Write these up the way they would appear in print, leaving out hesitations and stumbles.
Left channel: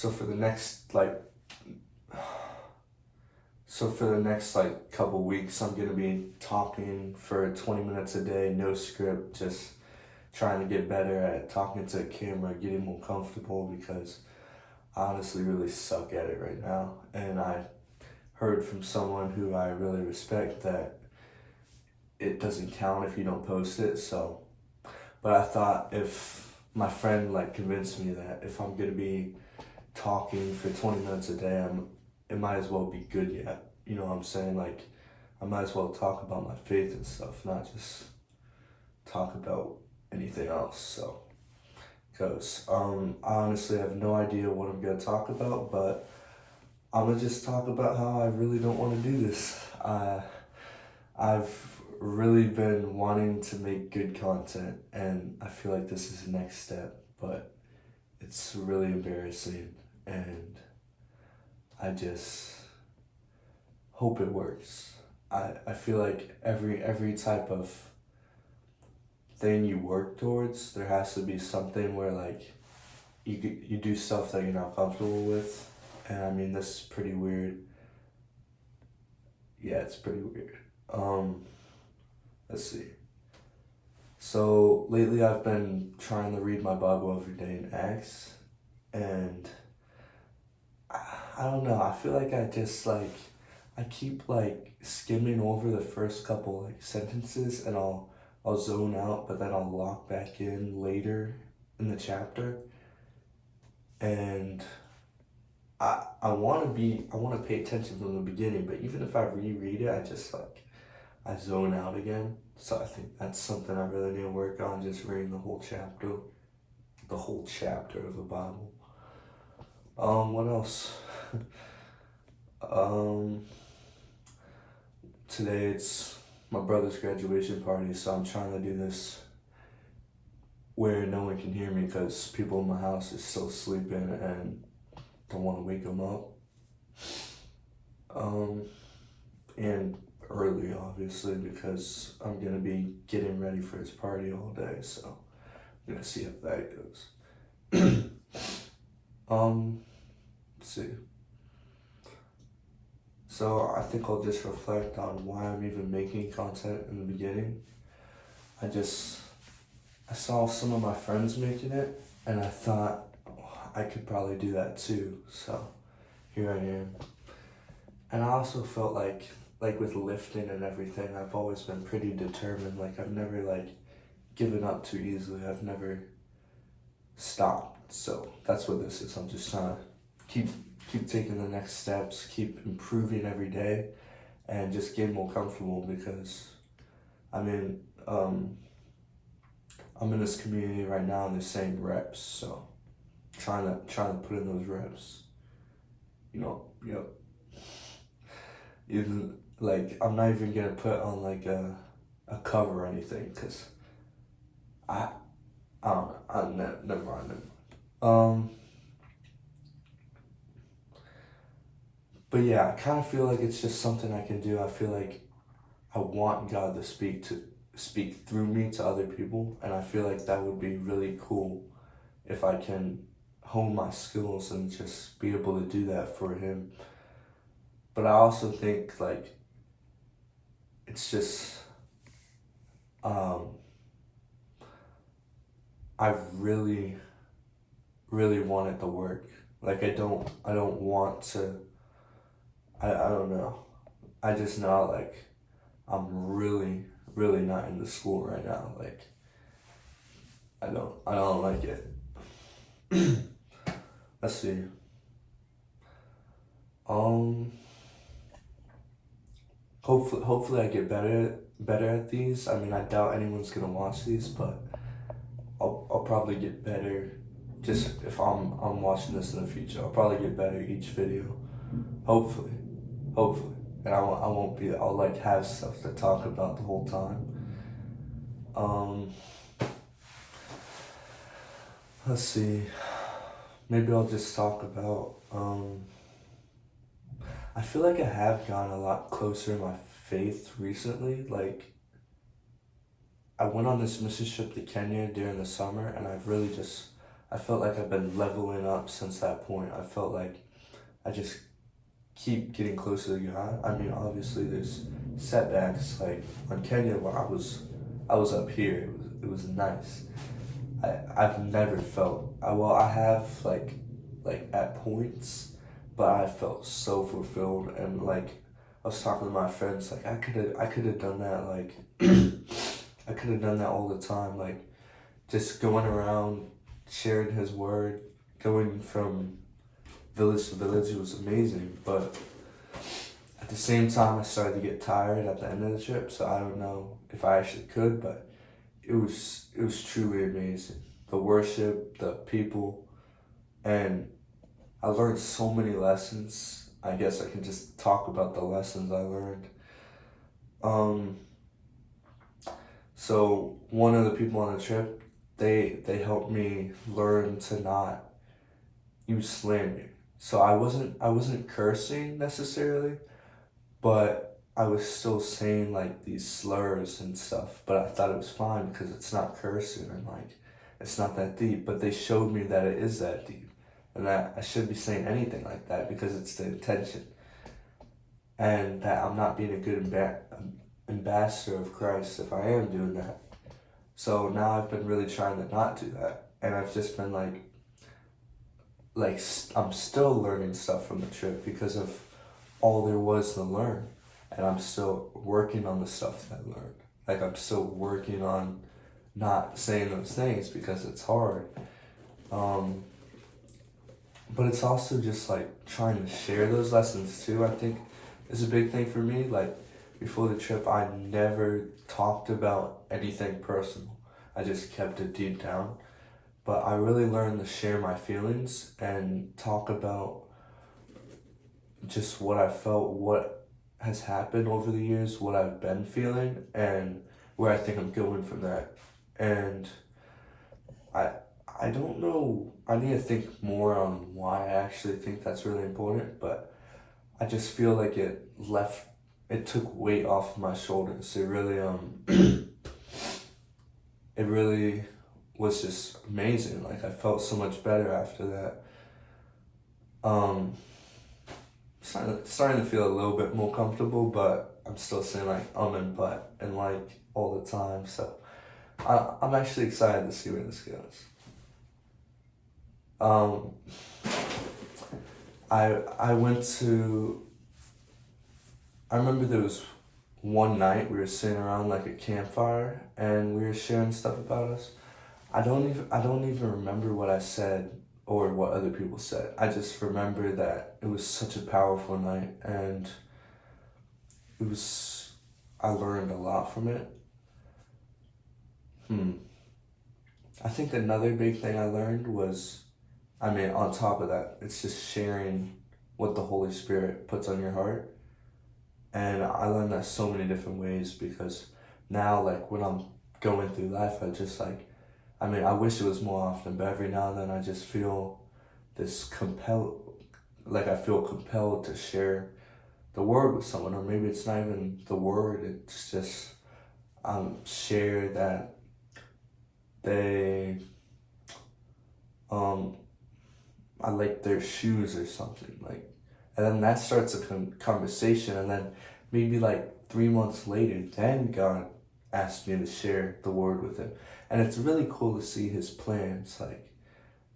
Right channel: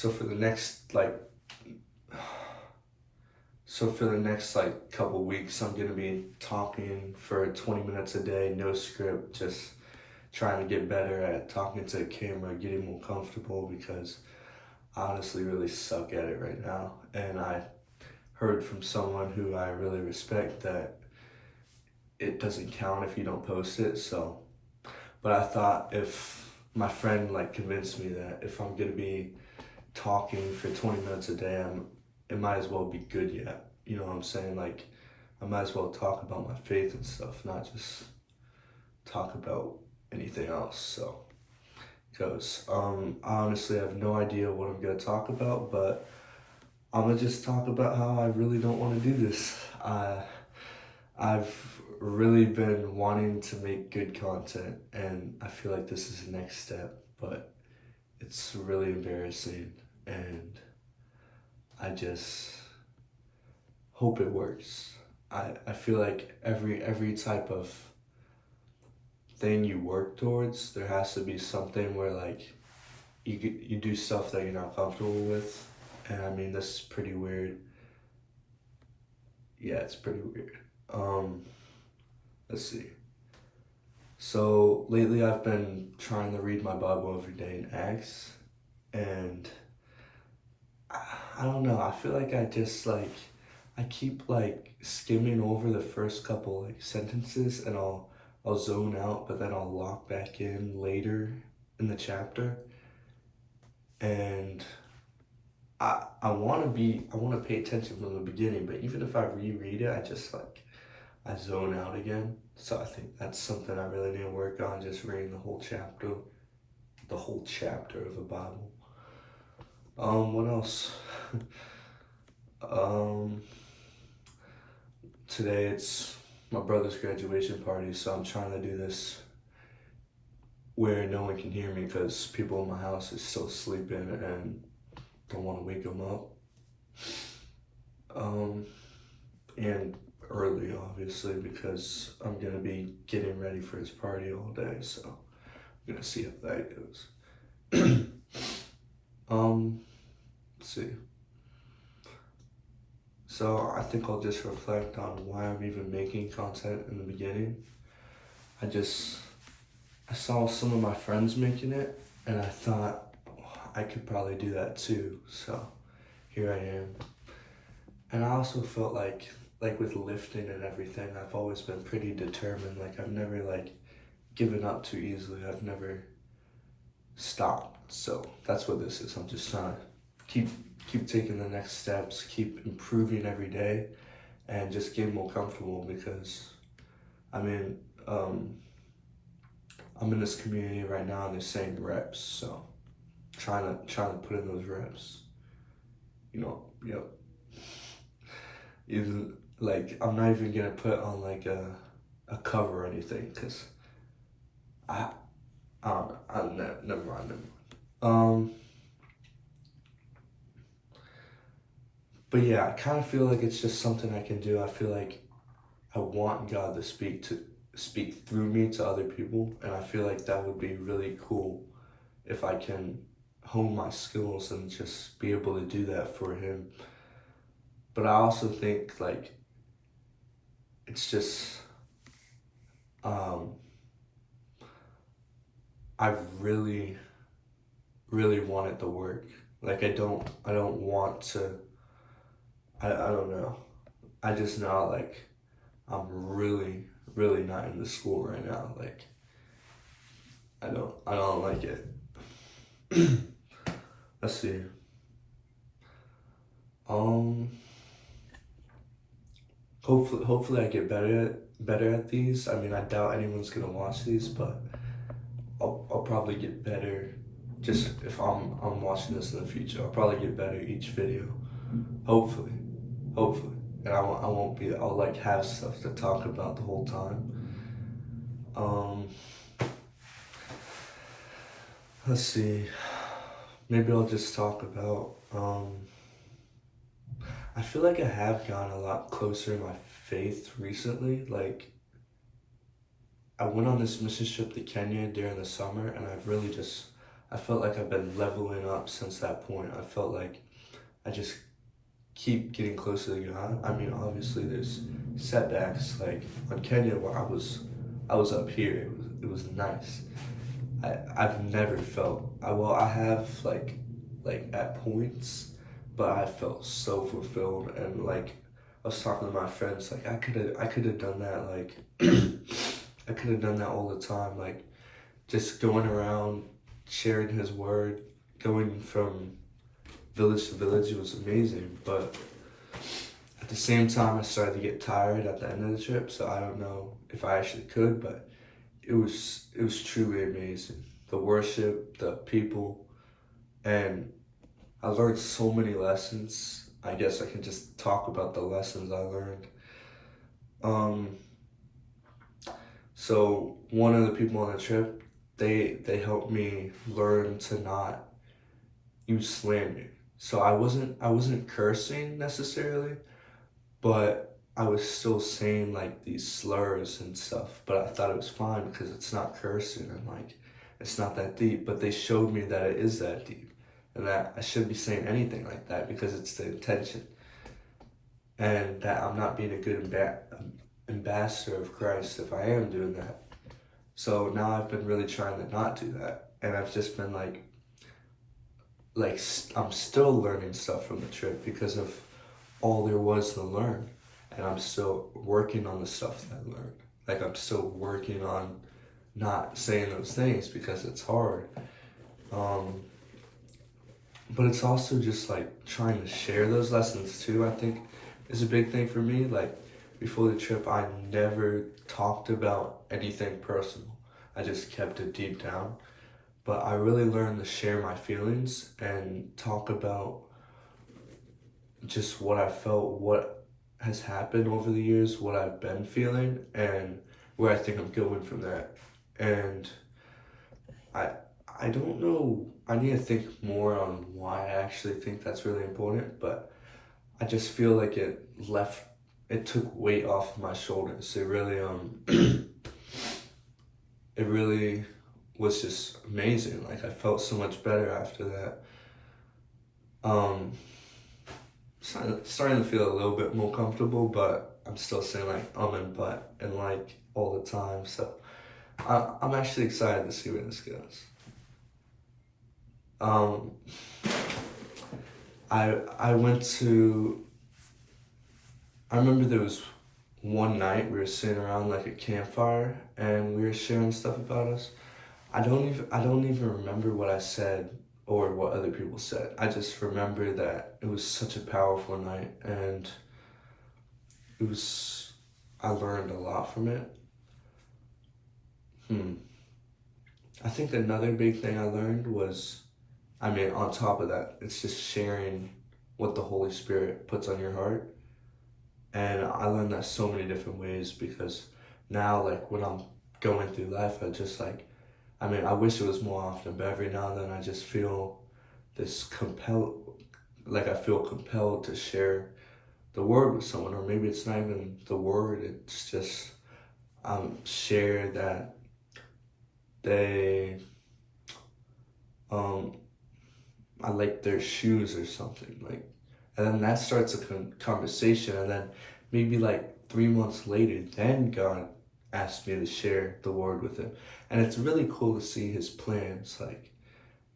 So for the next couple weeks, I'm gonna be talking for 20 minutes a day, no script, just trying to get better at talking to a camera, getting more comfortable because I honestly really suck at it right now. And I heard from someone who I really respect that it doesn't count if you don't post it. So, but I thought if my friend convinced me that if I'm gonna be talking for 20 minutes a day, it might as well be good yet. You know what I'm saying? I might as well talk about my faith and stuff, not just talk about anything else. So, because I honestly have no idea what I'm gonna talk about, but I'm gonna just talk about how I really don't want to do this. I've really been wanting to make good content, and I feel like this is the next step, but it's really embarrassing, and I just hope it works. I feel like every type of thing you work towards, there has to be something where you do stuff that you're not comfortable with. And I mean, this is pretty weird. Yeah, it's pretty weird. Let's see. So lately I've been trying to read my Bible every day in Acts, and I don't know, I feel like I keep skimming over the first couple sentences, and I'll zone out, but then I'll lock back in later in the chapter. And I want to pay attention from the beginning, but even if I reread it, I zone out again. So I think that's something I really need to work on, just reading the whole chapter of the Bible. What else? Today it's my brother's graduation party, so I'm trying to do this where no one can hear me because people in my house is still sleeping and don't want to wake them up. And early, obviously, because I'm gonna be getting ready for his party all day, so I'm gonna see how that goes. Let's see. So I think I'll just reflect on why I'm even making content in the beginning. I saw some of my friends making it, and I thought, I could probably do that too, so here I am. And I also felt like with lifting and everything, I've always been pretty determined. I've never given up too easily. I've never stopped. So that's what this is. I'm just trying to keep taking the next steps, keep improving every day, and just get more comfortable because, I mean, I'm in this community right now and they're saying reps, so trying to put in those reps. Even I'm not even gonna put on a cover or anything because I don't know. Never mind. But yeah, I kind of feel like it's just something I can do. I feel like I want God to speak through me to other people, and I feel like that would be really cool if I can hone my skills and just be able to do that for Him. But I also think it's just I really want it to work. I don't want to. I don't know. I just know I'm really not into school right now. I don't like it. Let's see. Hopefully I get better at these. I mean, I doubt anyone's gonna watch these, but I'll probably get better. Just if I'm watching this in the future, I'll probably get better each video. Hopefully, and I'll have stuff to talk about the whole time. Let's see. Maybe I'll just talk about. I feel like I have gotten a lot closer to my faith recently. I went on this mission trip to Kenya during the summer, and I felt like I've been leveling up since that point. I felt like I just keep getting closer to God. I mean, obviously there's setbacks like on Kenya where I was up here. It was nice. I've never felt I have like at points, but I felt so fulfilled. And like I was talking to my friends, like I could have done that, like I could have done that all the time, like just going around sharing his word, going from village to village. It was amazing, but at the same time I started to get tired at the end of the trip, so I don't know if I actually could, but it was truly amazing. The worship, the people, and I learned so many lessons. I guess I can just talk about the lessons I learned. Um, so one of the people on the trip, they helped me learn to not use slander. So I wasn't cursing necessarily, but I was still saying like these slurs and stuff. But I thought it was fine because it's not cursing and like it's not that deep. But they showed me that it is that deep, and that I shouldn't be saying anything like that because it's the intention, and that I'm not being a good ambassador of Christ if I am doing that. So now I've been really trying to not do that, and I've just been I'm still learning stuff from the trip because of all there was to learn, and I'm still working on the stuff that I learned. Like I'm still working on not saying those things because it's hard. But it's also just like trying to share those lessons too, I think is a big thing for me. Like before the trip, I never talked about anything personal. I just kept it deep down. But I really learned to share my feelings and talk about just what I felt, what has happened over the years, what I've been feeling, and where I think I'm going from that. And I I don't know. I need to think more on why I actually think that's really important, but I just feel like it took weight off my shoulders. It really it really was just amazing. Like I felt so much better after that. Um, starting to feel a little bit more comfortable, but I'm still saying like and but and like all the time. So I'm actually excited to see where this goes. Um, I went to. I remember there was one night we were sitting around like a campfire and we were sharing stuff about us. I don't even remember what I said or what other people said. I just remember that it was such a powerful night, and it was I learned a lot from it. I think another big thing I learned was, I mean, on top of that, it's just sharing what the Holy Spirit puts on your heart. And I learned that so many different ways because now, like, when I'm going through life, I just like, I mean, I wish it was more often, but every now and then I just feel this I feel compelled to share the word with someone, or maybe it's not even the word, it's just share that they, um, I like their shoes or something, like, and then that starts a conversation, and then maybe like 3 months later, then God asked me to share the word with him, and it's really cool to see his plans, like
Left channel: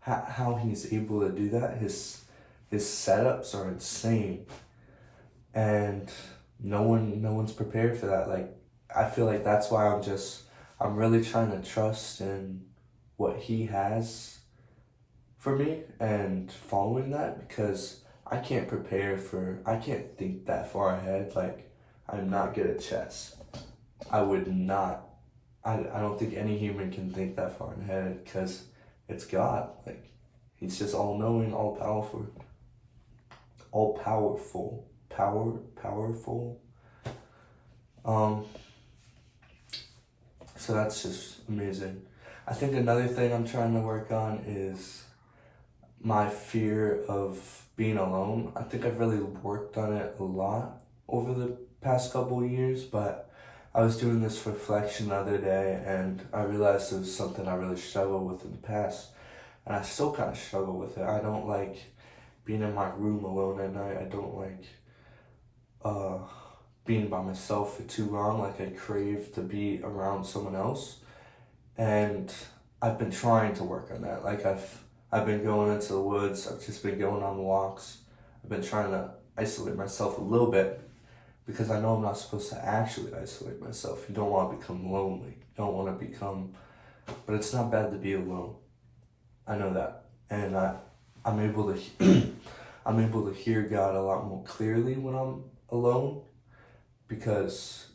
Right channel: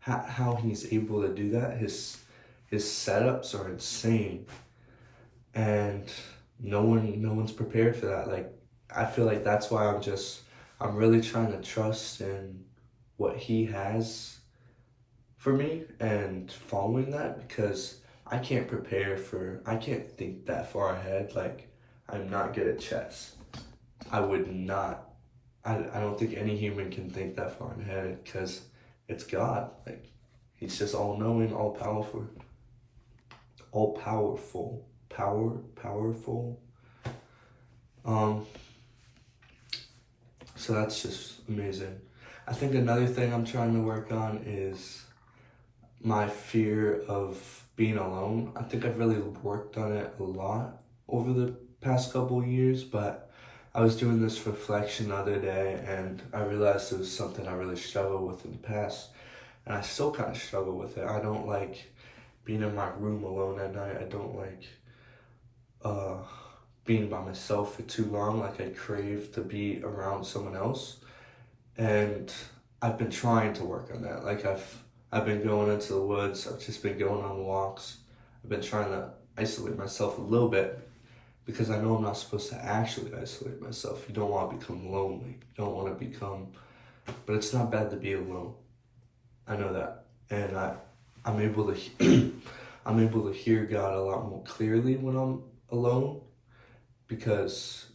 how he's able to do that. His setups are insane, and no one's prepared for that. Like I feel like that's why I'm really trying to trust in what he has for me and following that, because I can't think that far ahead. Like, I'm not good at chess. I would not, I don't think any human can think that far ahead because it's God. Like, he's just all knowing, powerful. Um, so that's just amazing. I think another thing I'm trying to work on is my fear of being alone. I think I've really worked on it a lot over the past couple of years, but I was doing this reflection the other day and I realized it was something I really struggled with in the past. and I still kind of struggle with it. I don't like being in my room alone at night. I don't like uh, being by myself for too long. Like, I crave to be around someone else, and I've been trying to work on that. Like, I've been going into the woods. I've just been going on walks. I've been trying to isolate myself a little bit because I know I'm not supposed to actually isolate myself. You don't want to become lonely. You don't want to become, but it's not bad to be alone. I know that, and I'm able to I'm able to hear God a lot more clearly when I'm alone, because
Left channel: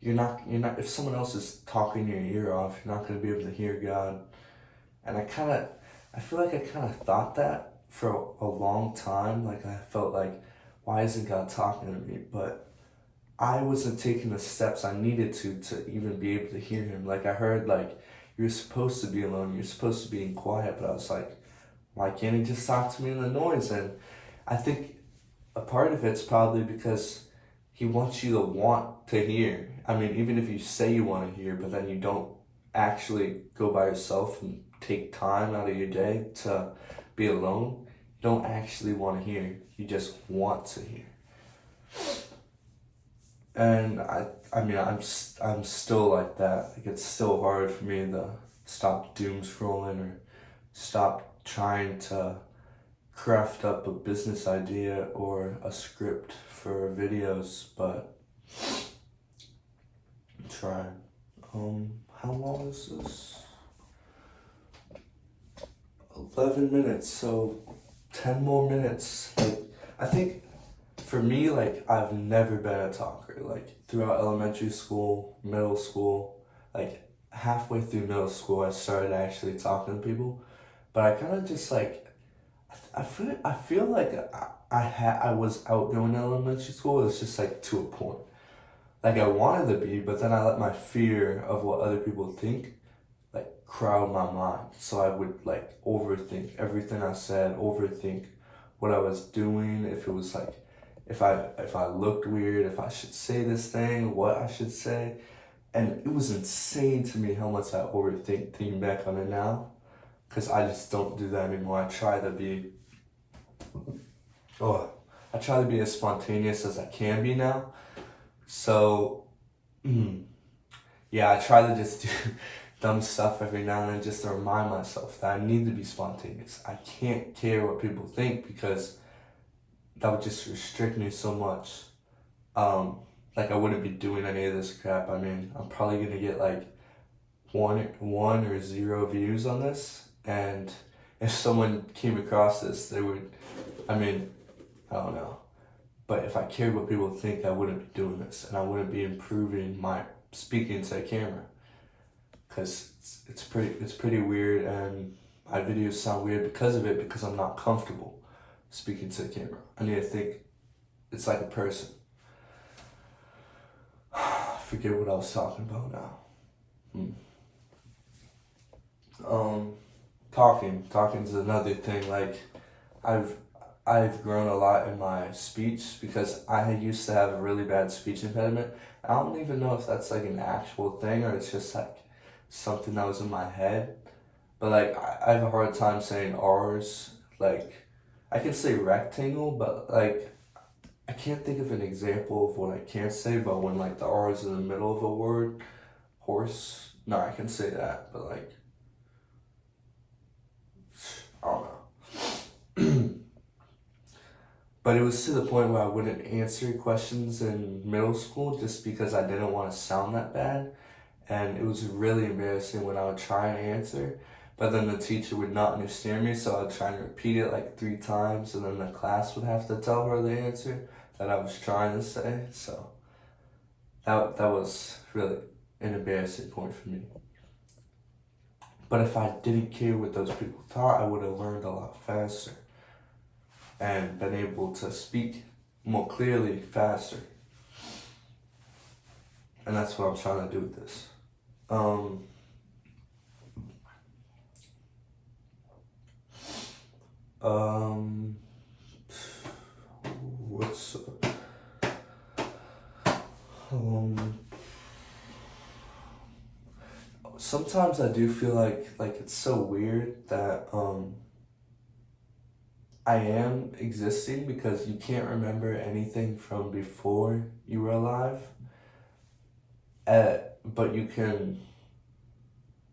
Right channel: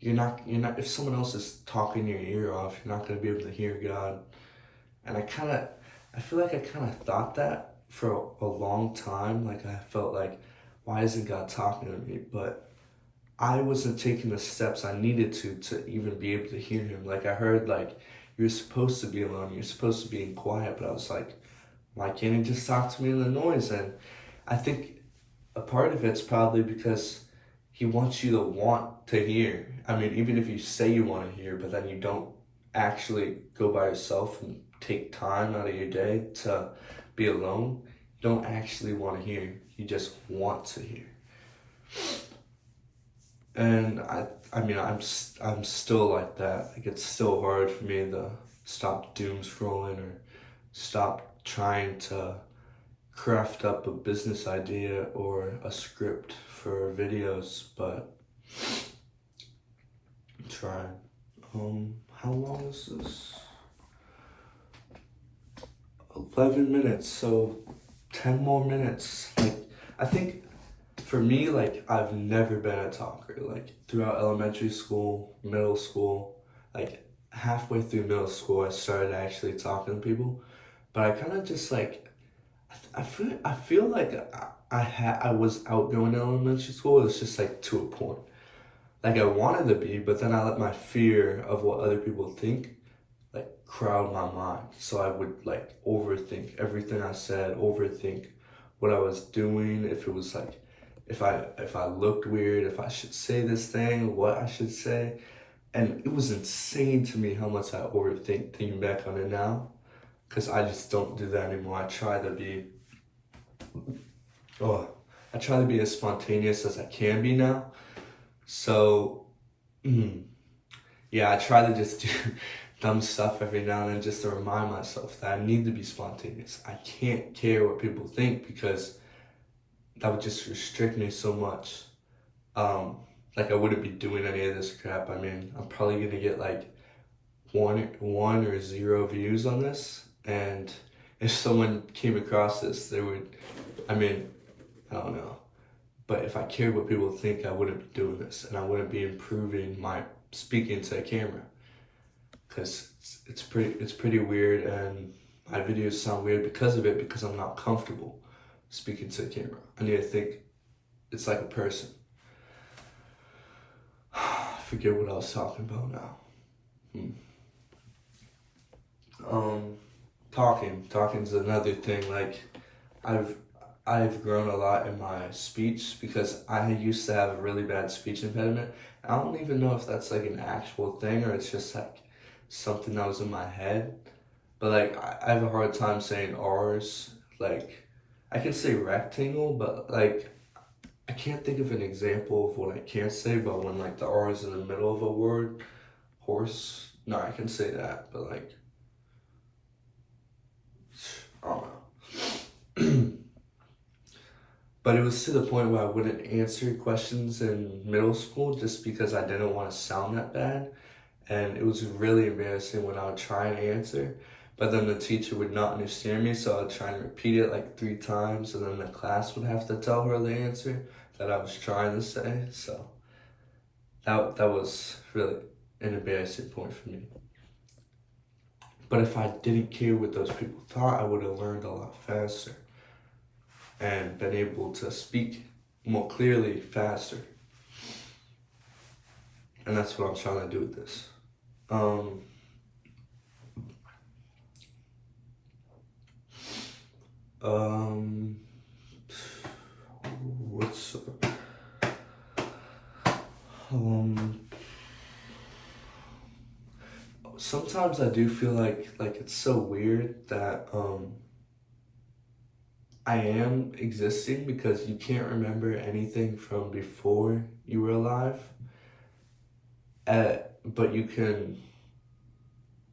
you're not if someone else is talking your ear off, you're not going to be able to hear God. And I feel like I kind of thought that for a long time. Like, I felt like, why isn't God talking to me? But I wasn't taking the steps I needed to even be able to hear him. Like, I heard, like, you're supposed to be alone, you're supposed to be in quiet, but I was like, why can't he just talk to me in the noise? And I think a part of it's probably because he wants you to want to hear. I mean, even if you say you want to hear, but then you don't actually go by yourself and take time out of your day to be alone, you don't actually want to hear. You just want to hear. And I mean, I'm still like that. Like, it's still hard for me to stop doom scrolling or stop trying to craft up a business idea or a script for videos, but I'm trying. How long is this? 11 minutes, so 10 more minutes. Like, I think for me, like, I've never been a talker. Like, throughout elementary school, middle school, like, halfway through middle school, I started actually talking to people. But I kind of just, like, I feel like I was outgoing in elementary school. It's just, like, to a point. Like, I wanted to be, but then I let my fear of what other people think, like, crowd my mind. So I would, like, overthink everything I said, overthink what I was doing, if it was, like, if I looked weird, if I should say this thing, what I should say. And it was insane to me how much I overthink, thinking back on it now, because I just don't do that anymore. I try to be as spontaneous as I can be now. So, yeah, I try to just do dumb stuff every now and then just to remind myself that I need to be spontaneous. I can't care what people think, because that would just restrict me so much. Like, I wouldn't be doing any of this crap. I mean, I'm probably gonna get like one or zero views on this, and if someone came across this, they would, I mean, I don't know. But if I cared what people think, I wouldn't be doing this, and I wouldn't be improving my speaking to a camera, because it's pretty weird, and my videos sound weird because of it, because I'm not comfortable speaking to a camera. I need to think it's like a person. I forget what I was talking about now. Talking's another thing. Like, I've grown a lot in my speech, because I used to have a really bad speech impediment. I don't even know if that's like an actual thing, or it's just like something that was in my head. But like, I have a hard time saying R's. Like, I can say rectangle, but like, I can't think of an example of what I can't say. But when like the R is in the middle of a word, horse. No, I can say that, but like, I don't know. But it was to the point where I wouldn't answer questions in middle school just because I didn't want to sound that bad. And it was really embarrassing when I would try and answer, but then the teacher would not understand me, so I would try and repeat it like 3 times, and then the class would have to tell her the answer that I was trying to say. So that was really an embarrassing point for me. But if I didn't care what those people thought, I would have learned a lot faster and been able to speak more clearly faster. And that's what I'm trying to do with this. What's sometimes I do feel like it's so weird that I am existing because you can't remember anything from before you were alive. But you can,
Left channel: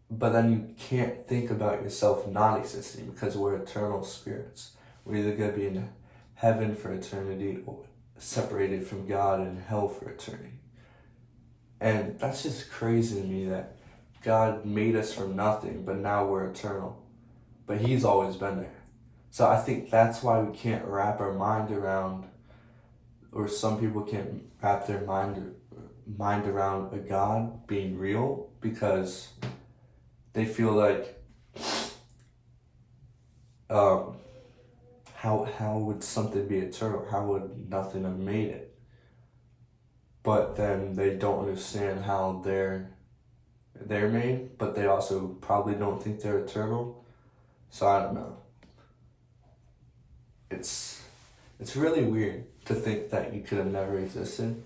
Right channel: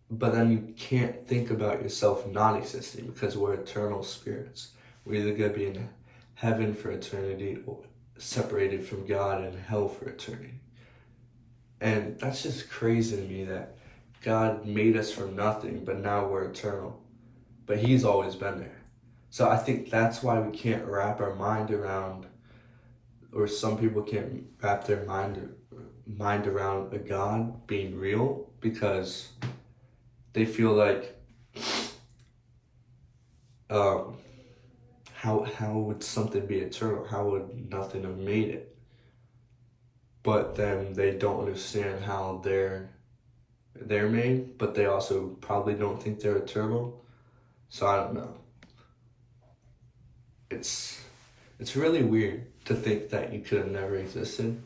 but then you can't think about yourself not existing because we're eternal spirits. We're either going to be in heaven for eternity or separated from God in hell for eternity. And that's just crazy to me that God made us from nothing, but now we're eternal. But He's always been there. So I think that's why we can't wrap our mind around, or some people can't wrap their mind around a God being real, because they feel like, how would something be eternal? How would nothing have made it? But then they don't understand how they're made, but they also probably don't think they're eternal. So I don't know. It's really weird to think that you could have never existed.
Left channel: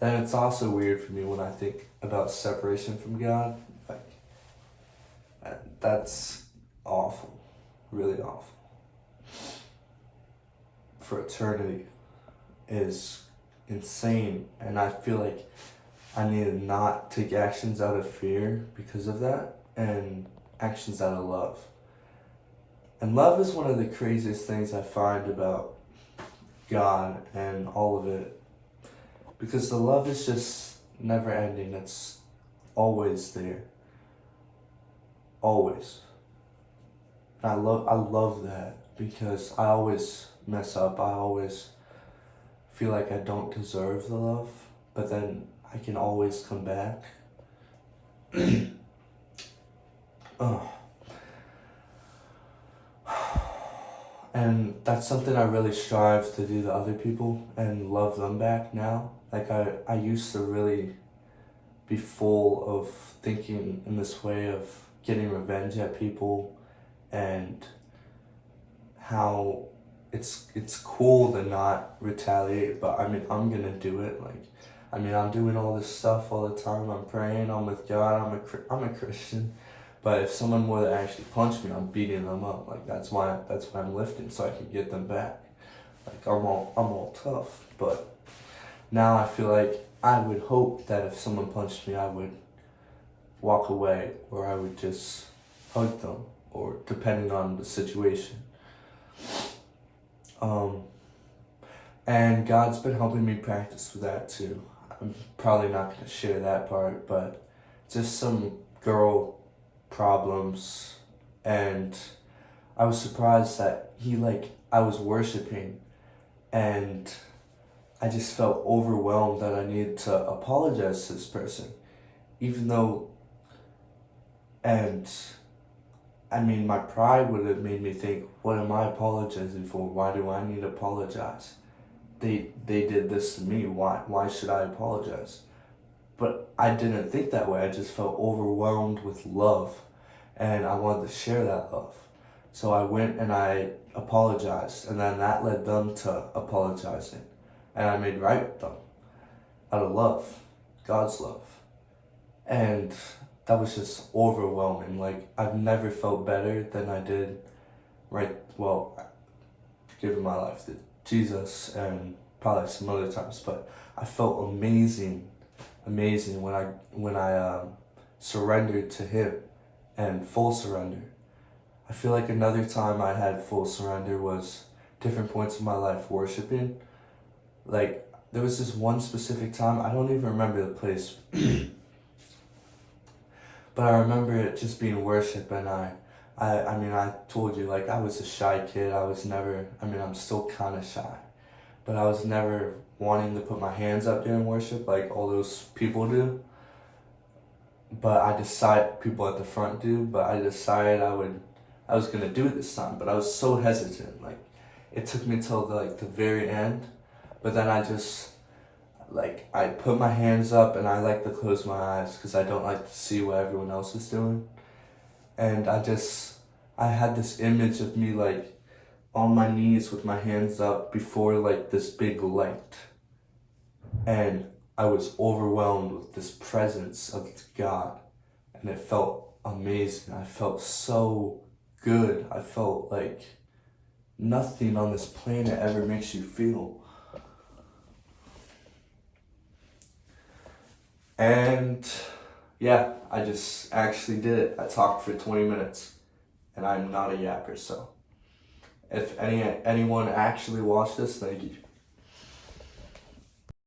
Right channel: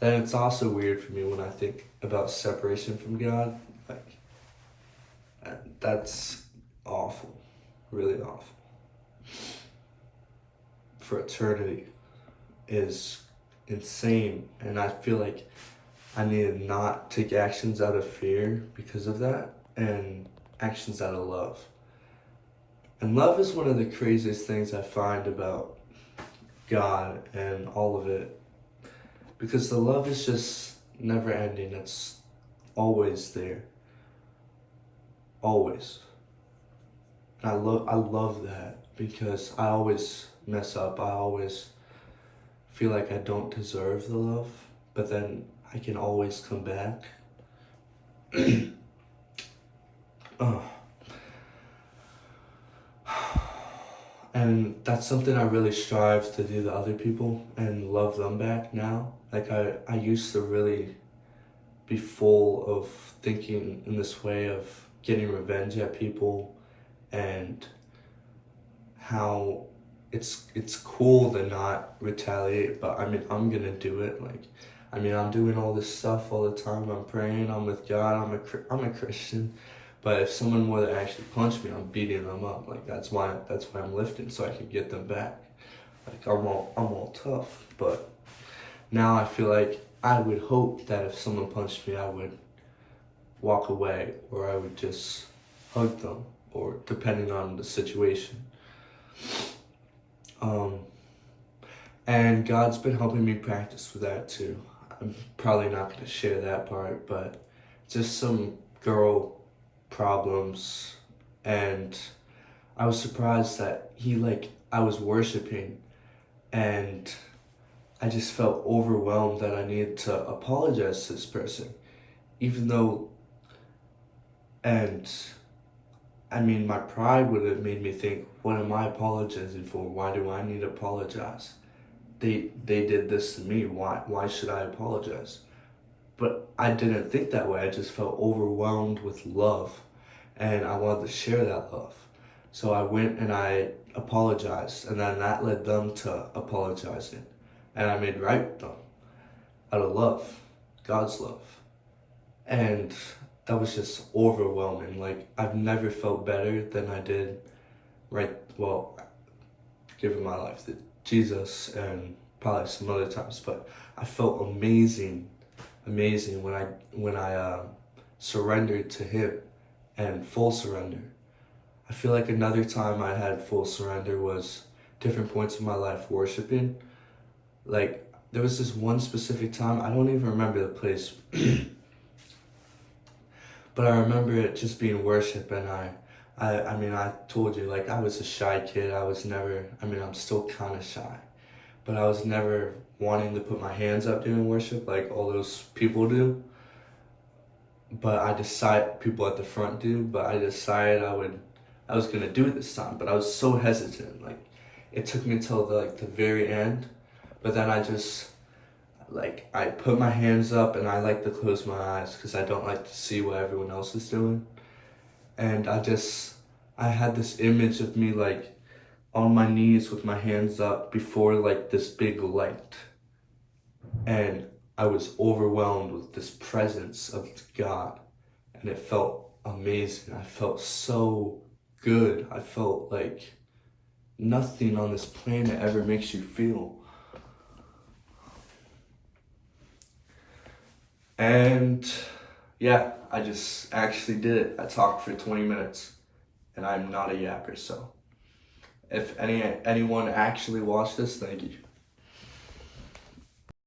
And it's also weird for me when I think about separation from God. Like, that's awful, really awful. For eternity is insane, and I feel like I need to not take actions out of fear because of that, and actions out of love. And love is one of the craziest things I find about God and all of it, because the love is just never ending. It's always there, always. And I love that, because I always mess up. I always feel like I don't deserve the love, but then I can always come back. And that's something I really strive to do to other people and love them back now. Like I used to really be full of thinking in this way of getting revenge at people, and how it's cool to not retaliate, but I mean, I'm gonna do it. Like, I mean, I'm doing all this stuff all the time. I'm praying, I'm with God, I'm a Christian. But if someone were to actually punch me, I'm beating them up. Like, that's why I'm lifting, so I can get them back. Like, I'm all tough. But now I feel like I would hope that if someone punched me, I would walk away, or I would just hug them, or depending on the situation. And God's been helping me practice with that too. I'm probably not going to share that part, but just some girl problems, and I was surprised that I was worshiping, and I just felt overwhelmed that I needed to apologize to this person, even though, and I mean, my pride would have made me think, what am I apologizing for? Why do I need to apologize? They did this to me. Why should I apologize? But I didn't think that way. I just felt overwhelmed with love, and I wanted to share that love. So I went and I apologized, and then that led them to apologizing, and I made right with them out of love, God's love. And that was just overwhelming. Like, I've never felt better than I did giving my life to Jesus, and probably some other times, but I felt amazing when I surrendered to Him, and full surrender. I feel like another time I had full surrender was different points in my life worshiping. Like, there was this one specific time, I don't even remember the place, but I remember it just being worship, and I mean, I told you, like, I was a shy kid. I'm still kind of shy, but I was never wanting to put my hands up during worship like all those people do. People at the front do, but I decided I was gonna do it this time, but I was so hesitant. Like, it took me till the very end, but then I put my hands up, and I like to close my eyes because I don't like to see what everyone else is doing. And I had this image of me like on my knees with my hands up before like this big light. And I was overwhelmed with this presence of God. and it felt amazing. I felt so good. I felt like nothing on this planet ever makes you feel. And yeah, I just actually did it. I talked for 20 minutes, and I'm not a yapper, so if anyone actually watched this, thank you.